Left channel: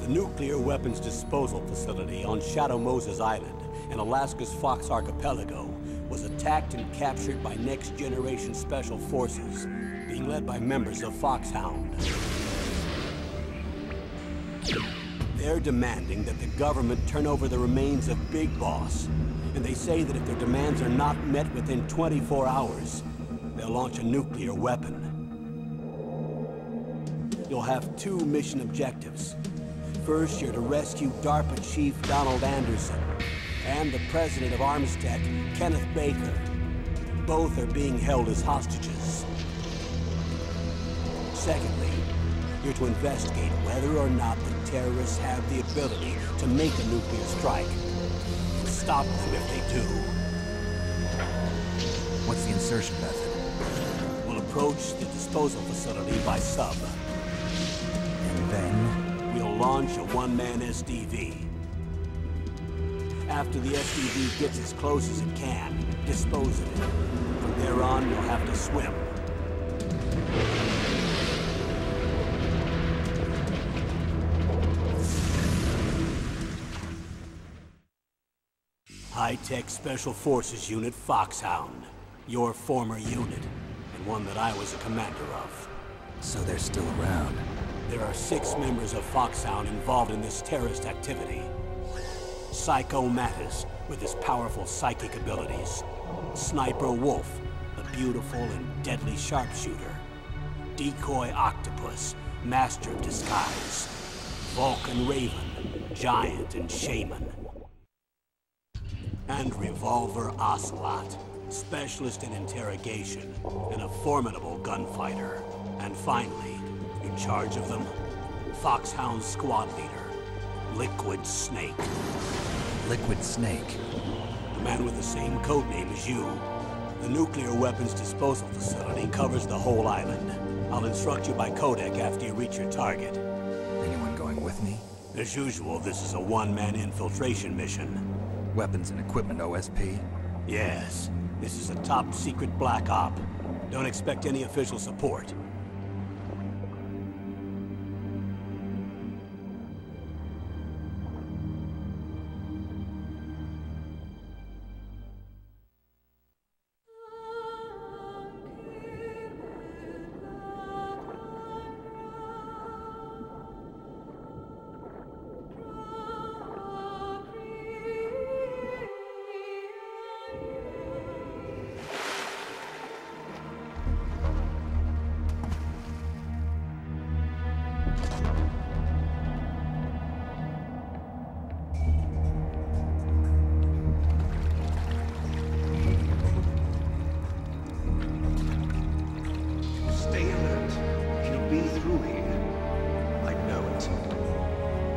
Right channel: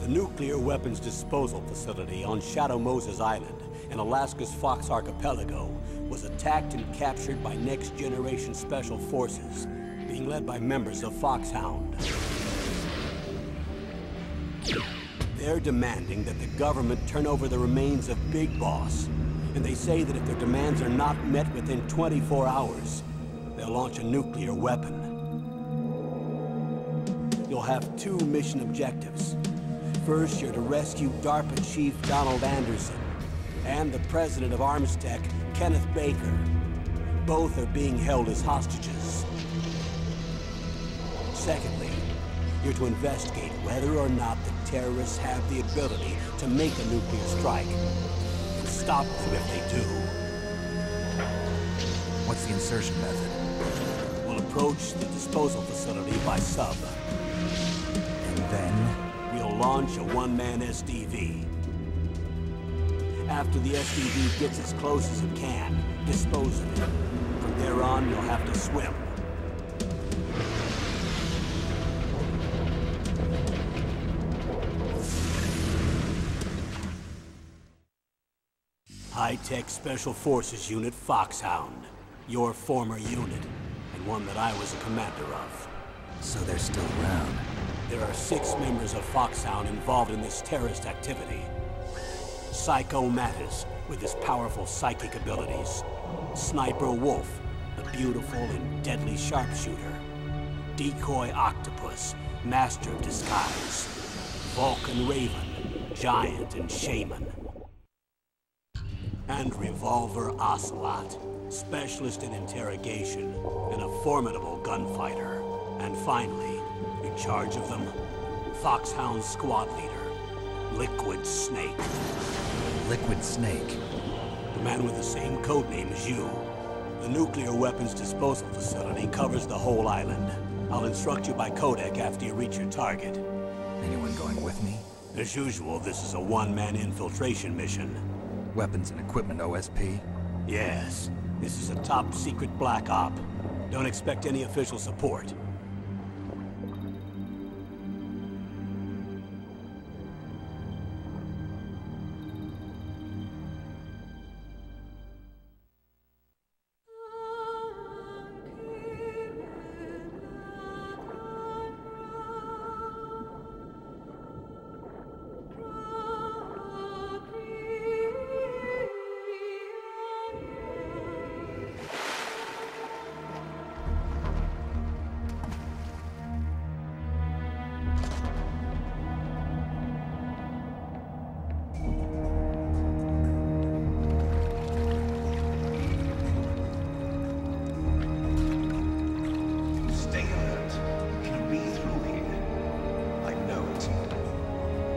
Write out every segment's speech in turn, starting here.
The nuclear weapons disposal facility on Shadow Moses Island in Alaska's Fox Archipelago was attacked and captured by next-generation special forces, being led by members of Foxhound. They're demanding that the government turn over the remains of Big Boss, and they say that if their demands are not met within 24 hours, they'll launch a nuclear weapon. You'll have two mission objectives. First, you're to rescue DARPA Chief Donald Anderson and the president of Armstech, Kenneth Baker. Both are being held as hostages. Secondly, you're to investigate whether or not the terrorists have the ability to make a nuclear strike and stop them if they do. What's the insertion method? We'll approach the disposal facility by sub. And then? We'll launch a one-man SDV. After the SDV gets as close as it can, dispose of it. From there on, you'll have to swim. High-Tech Special Forces Unit Foxhound. Your former unit, and one that I was a commander of. So they're still around. There are 6 members of Foxhound involved in this terrorist activity. Psycho Mattis, with his powerful psychic abilities. Sniper Wolf, the beautiful and deadly sharpshooter. Decoy Octopus, master of disguise. Vulcan Raven, giant and shaman. And Revolver Ocelot, specialist in interrogation and a formidable gunfighter. And finally, in charge of them, Foxhound squad leader, Liquid Snake. Liquid Snake? The man with the same codename as you. The nuclear weapons disposal facility covers the whole island. I'll instruct you by codec after you reach your target. Anyone going with me? As usual, this is a one-man infiltration mission. Weapons and equipment OSP? Yes. This is a top-secret black op. Don't expect any official support.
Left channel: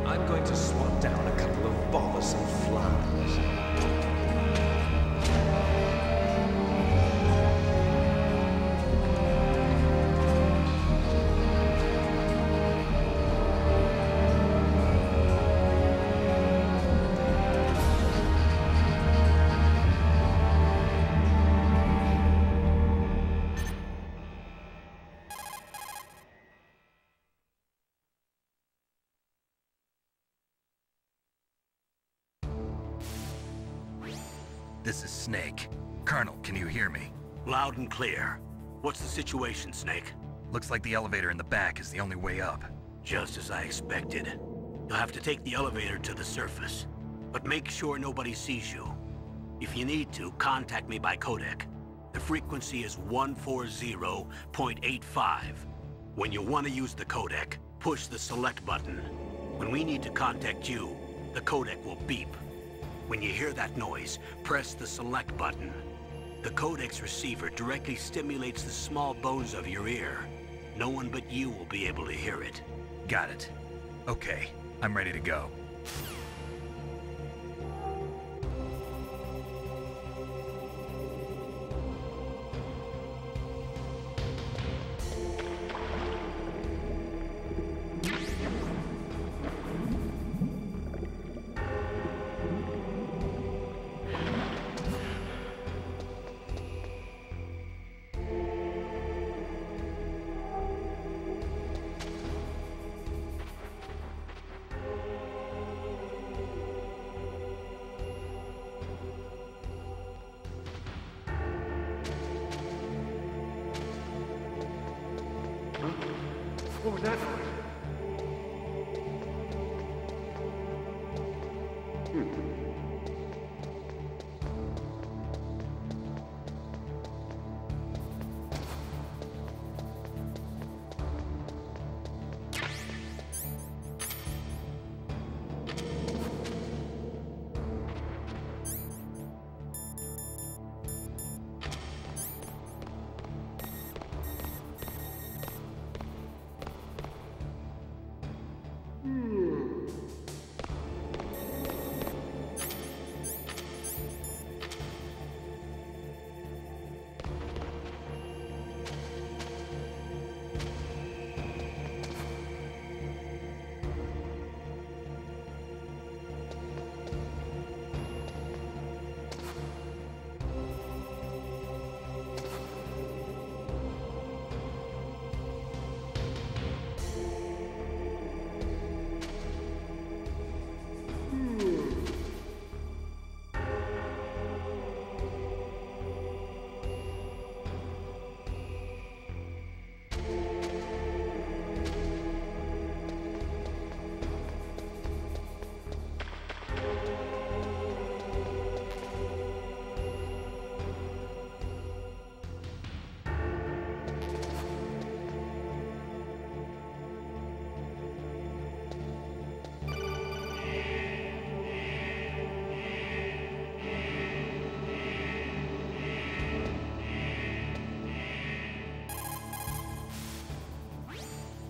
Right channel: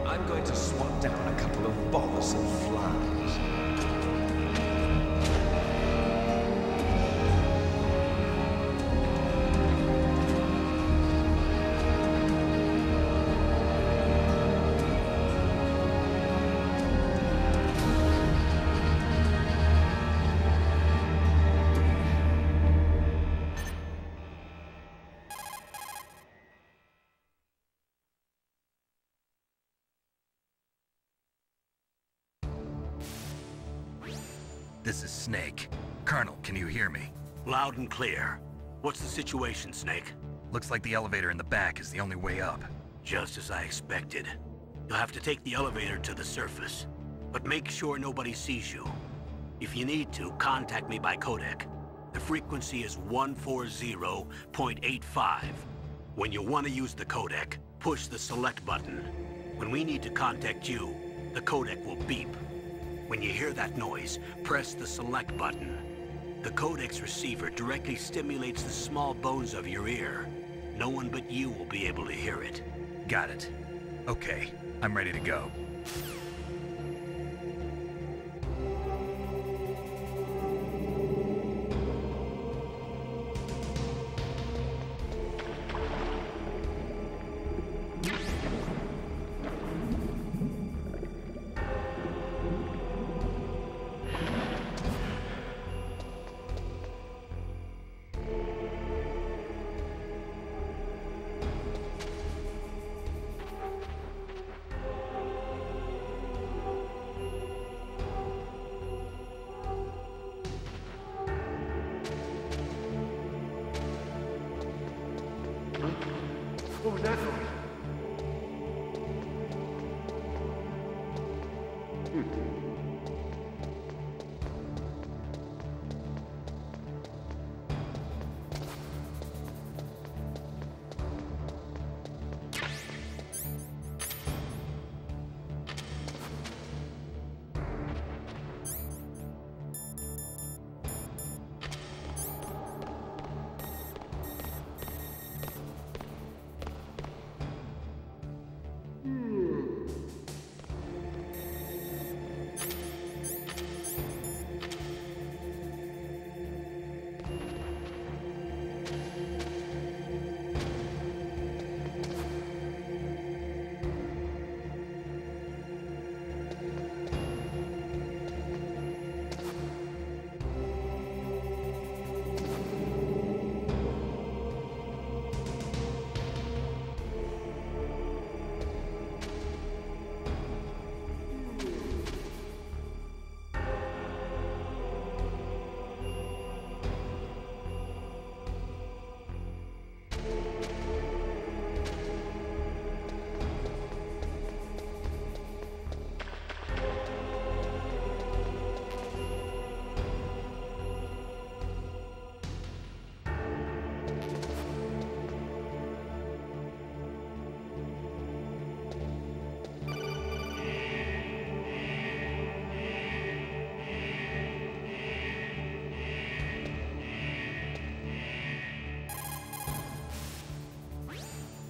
I'm going to swat down a couple of bothersome flies. This is Snake. Colonel, can you hear me? Loud and clear. What's the situation, Snake? Looks like the elevator in the back is the only way up. Just as I expected. You'll have to take the elevator to the surface. But make sure nobody sees you. If you need to, contact me by codec. The frequency is 140.85. When you want to use the codec, push the select button. When we need to contact you, the codec will beep. When you hear that noise, press the select button. The codec's receiver directly stimulates the small bones of your ear. No one but you will be able to hear it. Got it. Okay, I'm ready to go. What was that noise?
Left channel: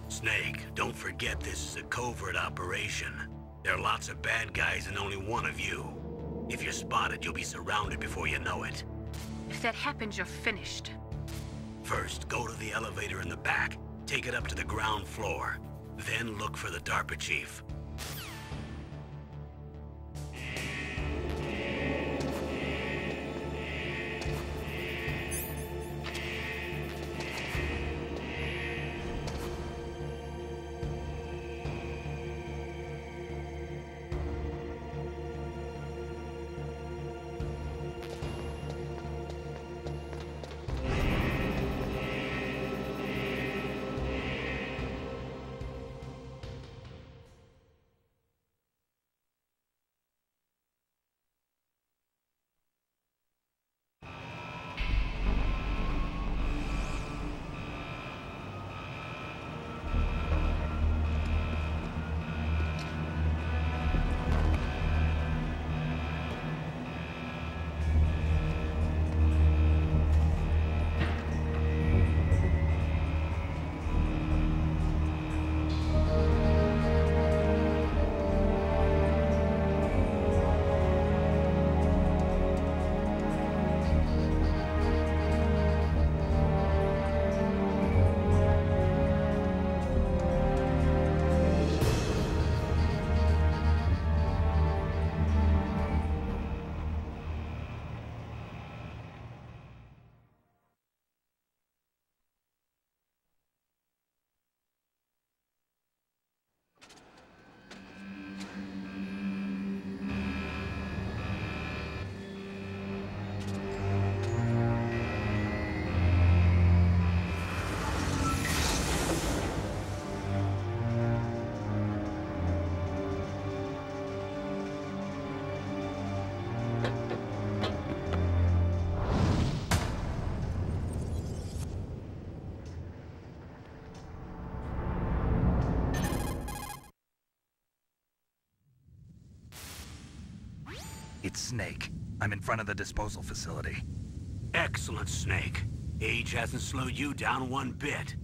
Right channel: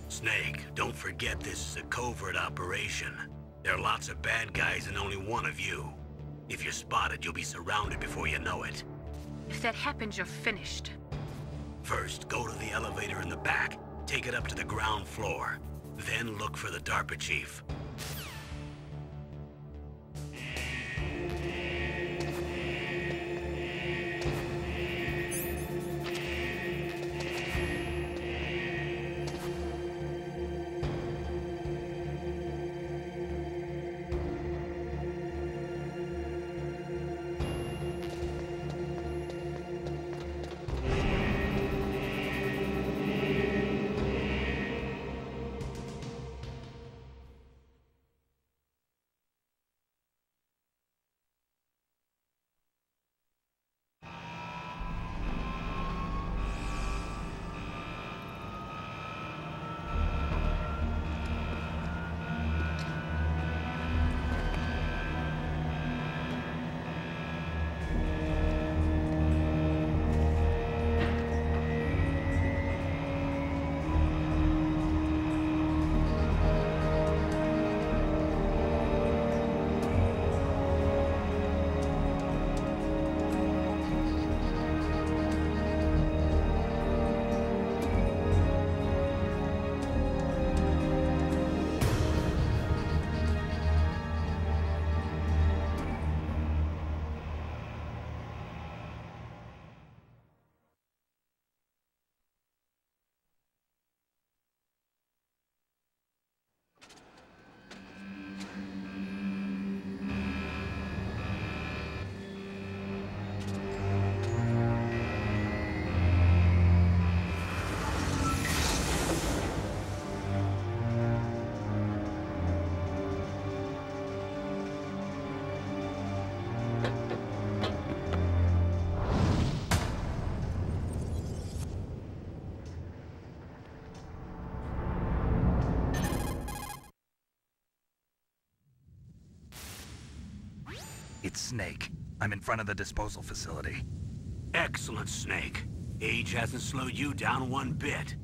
Snake, don't forget this is a covert operation. There are lots of bad guys and only one of you. If you're spotted, you'll be surrounded before you know it. If that happens, you're finished. First, go to the elevator in the back. Take it up to the ground floor. Then look for the DARPA chief. It's Snake. I'm in front of the disposal facility. Excellent, Snake. Age hasn't slowed you down one bit.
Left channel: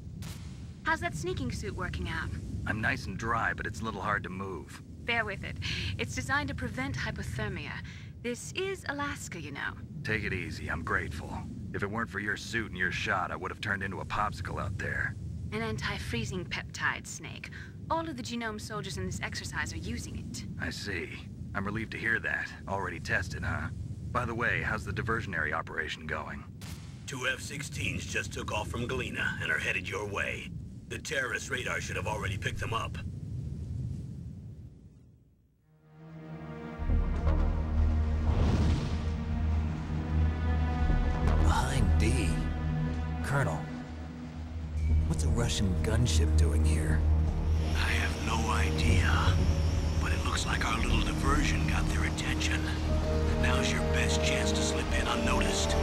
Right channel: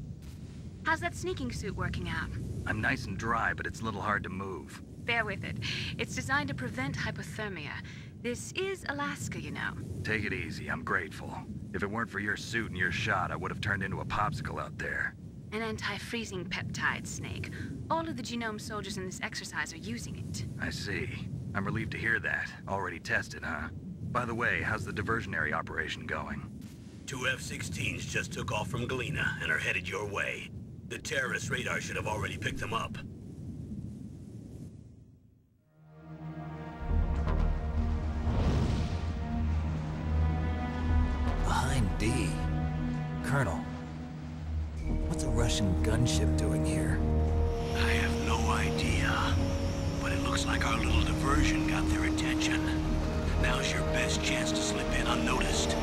How's that sneaking suit working out? I'm nice and dry, but it's a little hard to move. Bear with it. It's designed to prevent hypothermia. This is Alaska, you know. Take it easy, I'm grateful. If it weren't for your suit and your shot, I would have turned into a popsicle out there. An anti-freezing peptide, Snake. All of the genome soldiers in this exercise are using it. I see. I'm relieved to hear that. Already tested, huh? By the way, how's the diversionary operation going? 2 F-16s just took off from Galena and are headed your way. The terrorist radar should have already picked them up. Behind D. Colonel, what's What's a Russian gunship doing here? I have no idea. But it looks like our little diversion got their attention. Now's your best chance to slip in unnoticed.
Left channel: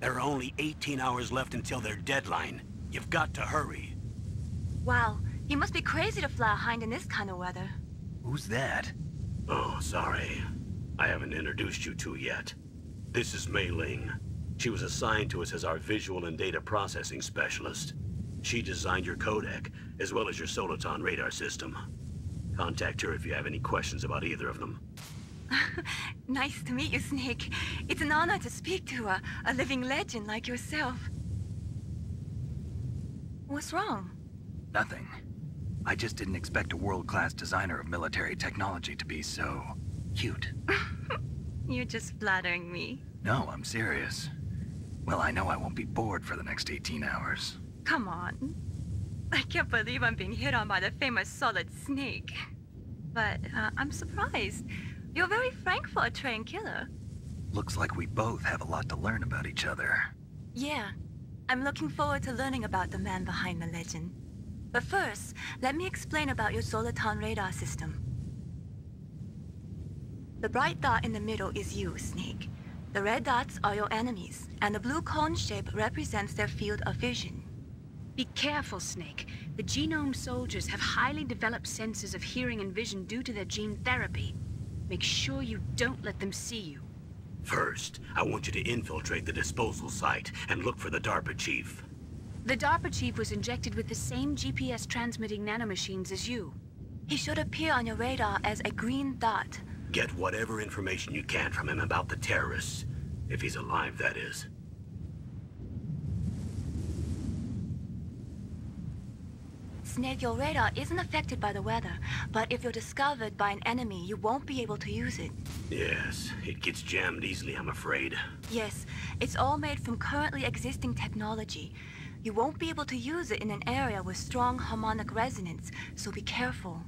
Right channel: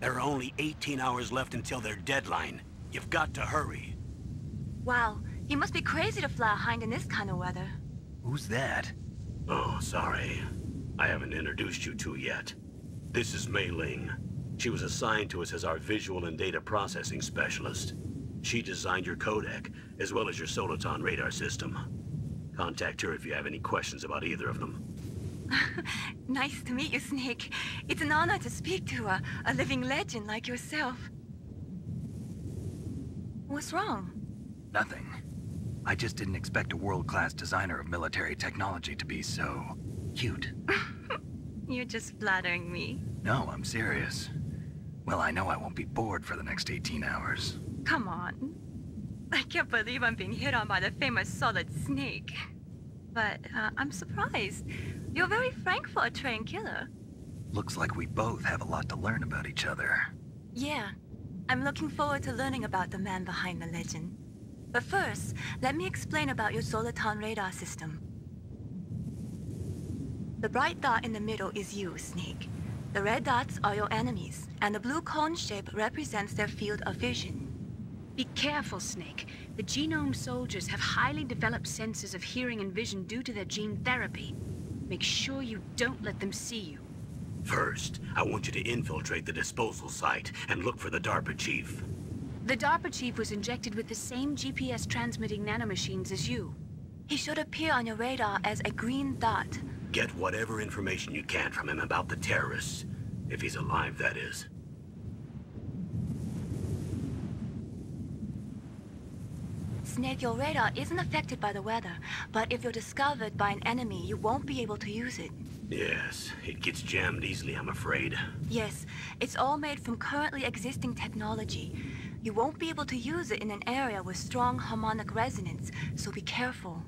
There are only 18 hours left until their deadline. You've got to hurry. Wow, you must be crazy to fly a hind in this kind of weather. Who's that? Oh, sorry. I haven't introduced you to yet. This is Mei Ling. She was assigned to us as our visual and data processing specialist. She designed your codec, as well as your Soliton radar system. Contact her if you have any questions about either of them. Nice to meet you, Snake. It's an honor to speak to a living legend like yourself. What's wrong? Nothing. I just didn't expect a world-class designer of military technology to be so cute. You're just flattering me. No, I'm serious. Well, I know I won't be bored for the next 18 hours. Come on. I can't believe I'm being hit on by the famous Solid Snake. But I'm surprised. You're very frank for a trained killer. Looks like we both have a lot to learn about each other. Yeah. I'm looking forward to learning about the man behind the legend. But first, let me explain about your Soliton radar system. The bright dot in the middle is you, Snake. The red dots are your enemies, and the blue cone shape represents their field of vision. Be careful, Snake. The genome soldiers have highly developed senses of hearing and vision due to their gene therapy. Make sure you don't let them see you. First, I want you to infiltrate the disposal site and look for the DARPA chief. The DARPA chief was injected with the same GPS transmitting nanomachines as you. He should appear on your radar as a green dot. Get whatever information you can from him about the terrorists. If he's alive, that is. Snake, your radar isn't affected by the weather, but if you're discovered by an enemy, you won't be able to use it. Yes, it gets jammed easily, I'm afraid. Yes, it's all made from currently existing technology. You won't be able to use it in an area with strong harmonic resonance, so be careful.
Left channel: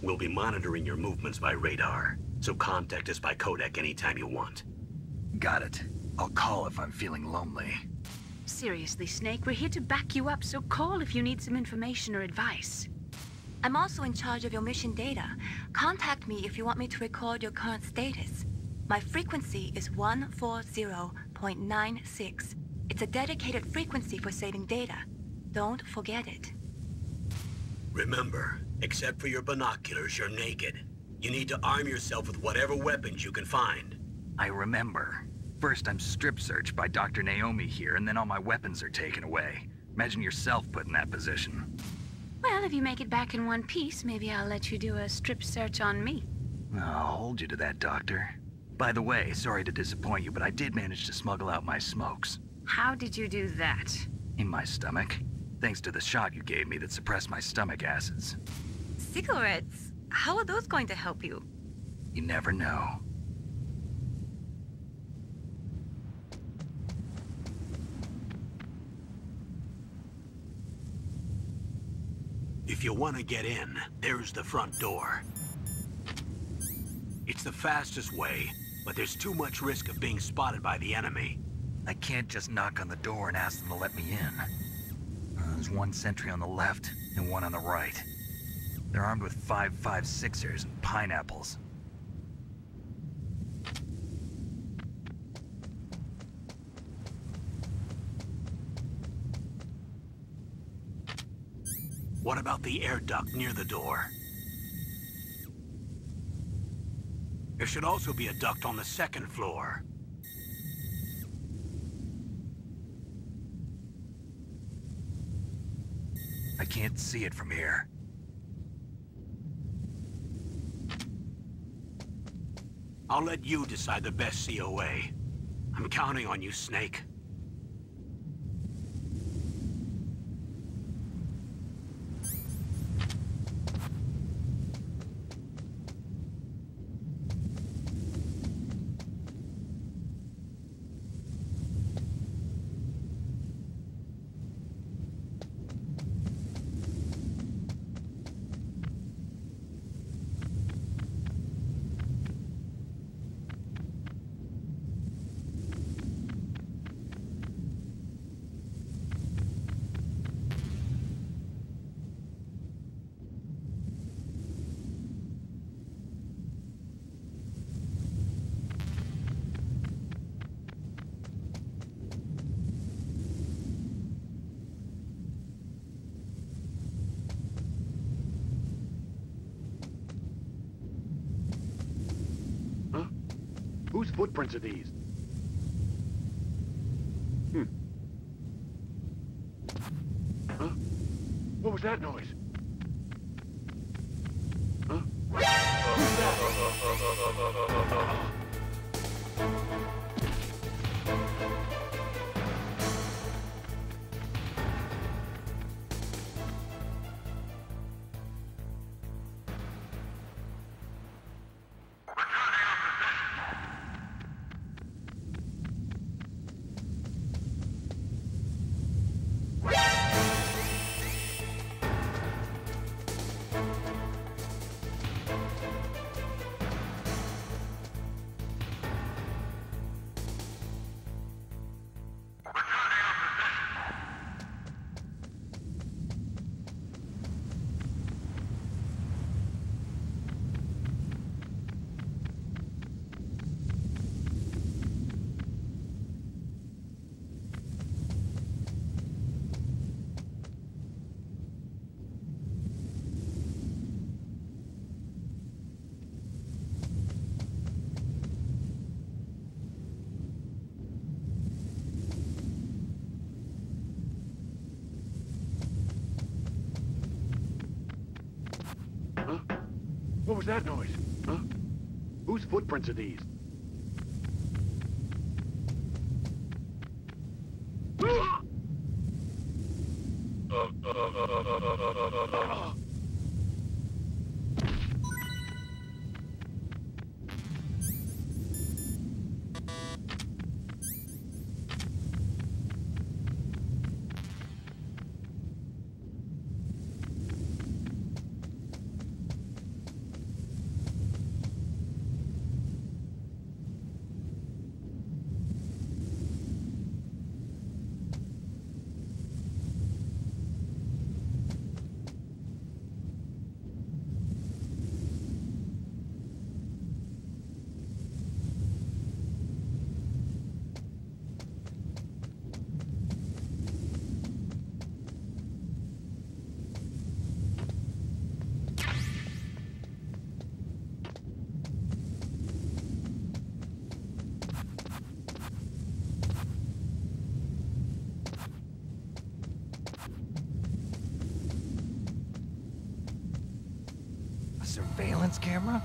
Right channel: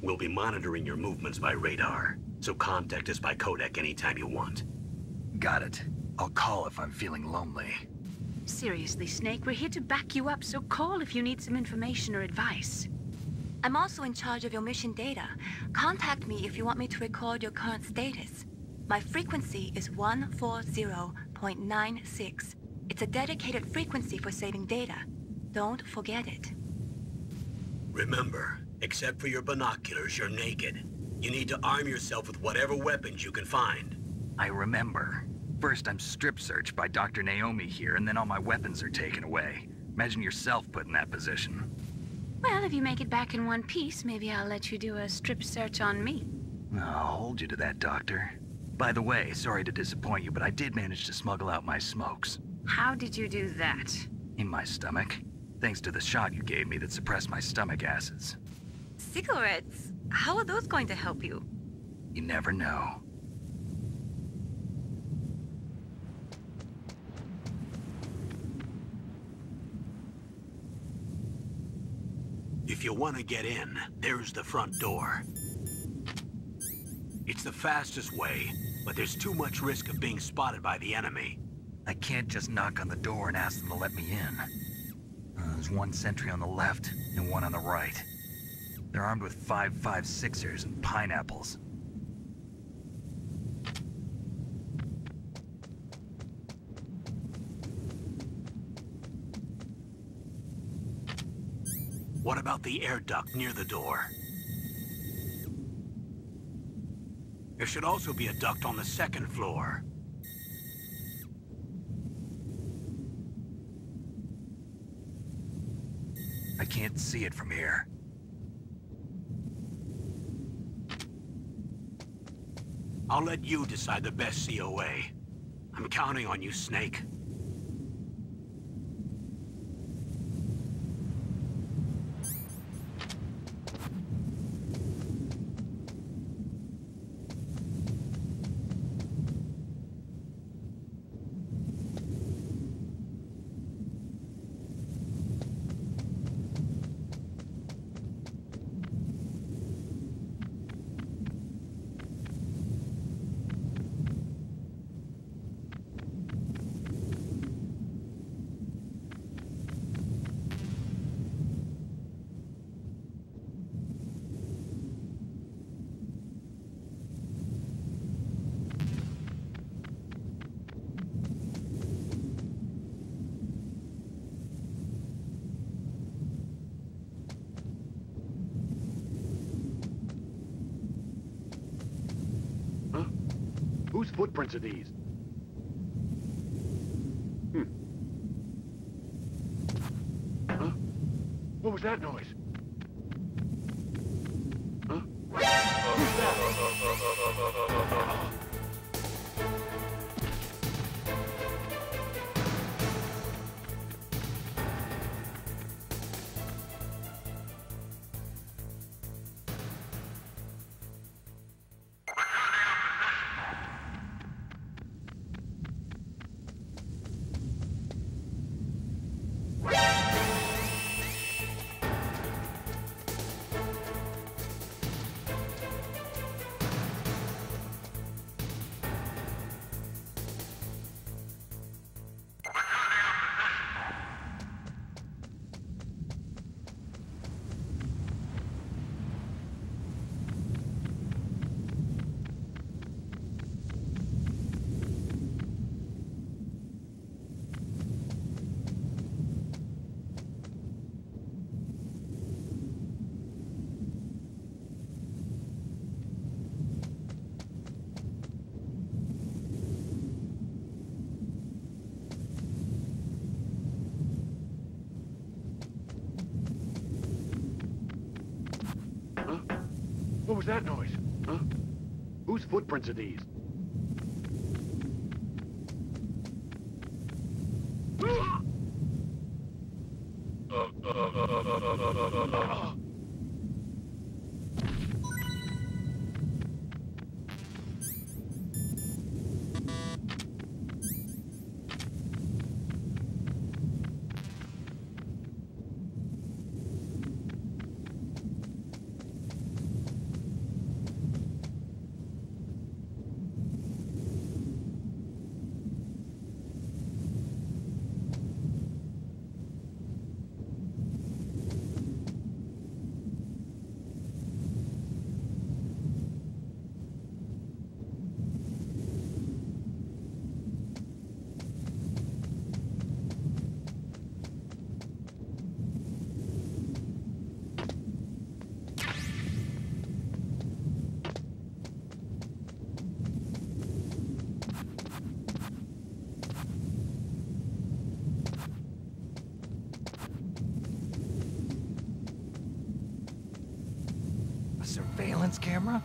We'll be monitoring your movements by radar, so contact us by codec anytime you want. Got it. I'll call if I'm feeling lonely. Seriously, Snake, we're here to back you up, so call if you need some information or advice. I'm also in charge of your mission data. Contact me if you want me to record your current status. My frequency is 140.96. It's a dedicated frequency for saving data. Don't forget it. Remember, except for your binoculars, you're naked. You need to arm yourself with whatever weapons you can find. I remember. First, I'm strip searched by Dr. Naomi here, and then all my weapons are taken away. Imagine yourself put in that position. Well, if you make it back in one piece, maybe I'll let you do a strip search on me. I'll hold you to that, Doctor. By the way, sorry to disappoint you, but I did manage to smuggle out my smokes. How did you do that? In my stomach. Thanks to the shot you gave me that suppressed my stomach acids. Cigarettes? How are those going to help you? You never know. If you want to get in, there's the front door. It's the fastest way, but there's too much risk of being spotted by the enemy. I can't just knock on the door and ask them to let me in. There's one sentry on the left and one on the right. They're armed with 5.56ers and pineapples. What about the air duct near the door? There should also be a duct on the second floor. I can't see it from here. I'll let you decide the best COA. I'm counting on you, Snake. footprints are these? Huh? What was that noise? Huh? Who's that? What was that noise? Huh? Whose footprints are these? Surveillance camera?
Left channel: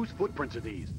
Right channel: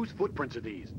Whose footprints are these?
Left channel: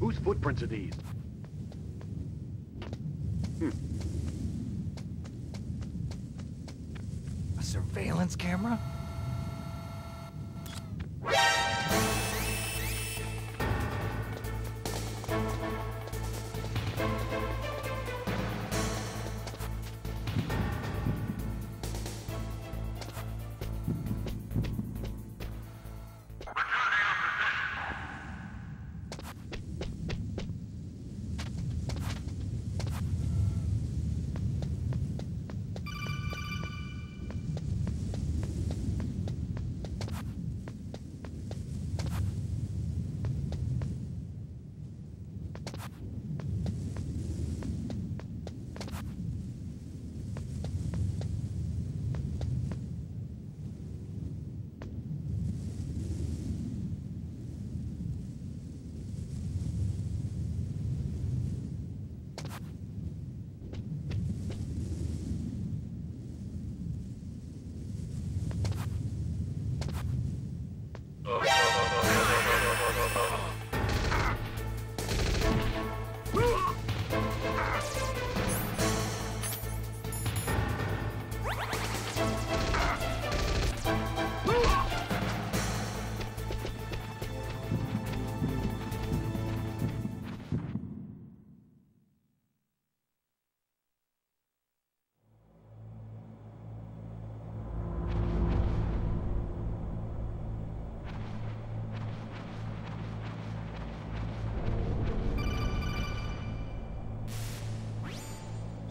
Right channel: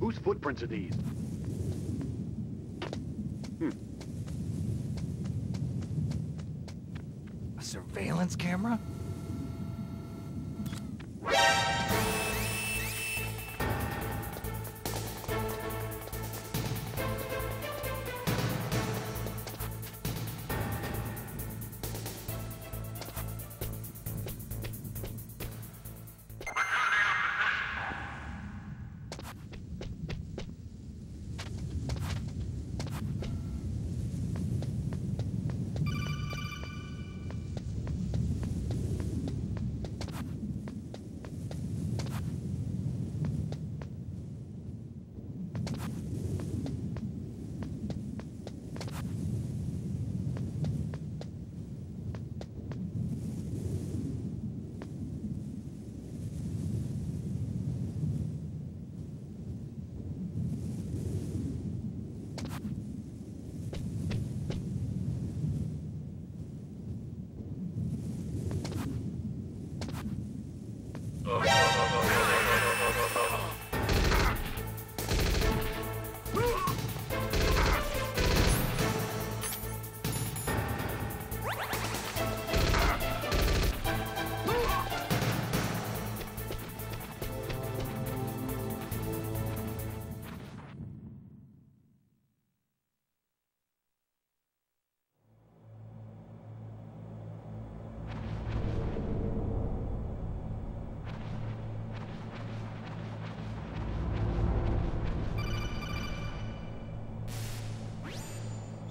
Whose footprints are these? A surveillance camera?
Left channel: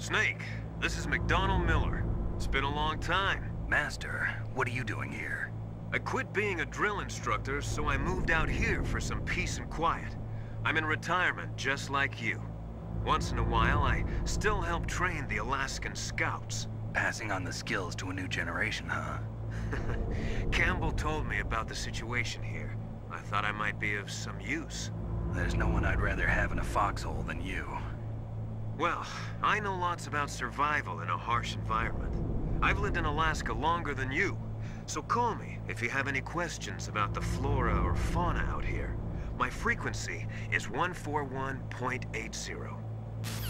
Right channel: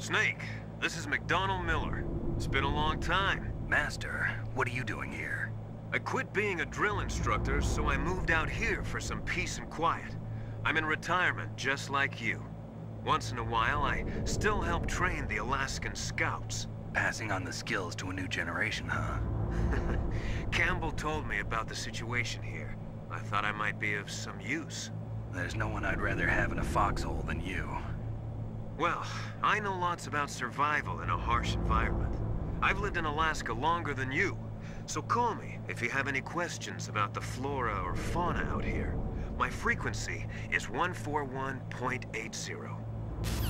Snake, this is McDonald Miller. It's been a long time. Master, what are you doing here? I quit being a drill instructor, so I moved out here for some peace and quiet. I'm in retirement, just like you. Once in a while, I still help train the Alaskan Scouts. Passing on the skills to a new generation, huh? Campbell told me about the situation here. I thought I might be of some use. There's no one I'd rather have in a foxhole than you. Well, I know lots about survival in a harsh environment. I've lived in Alaska longer than you, so call me if you have any questions about the flora or fauna out here. My frequency is 141.80.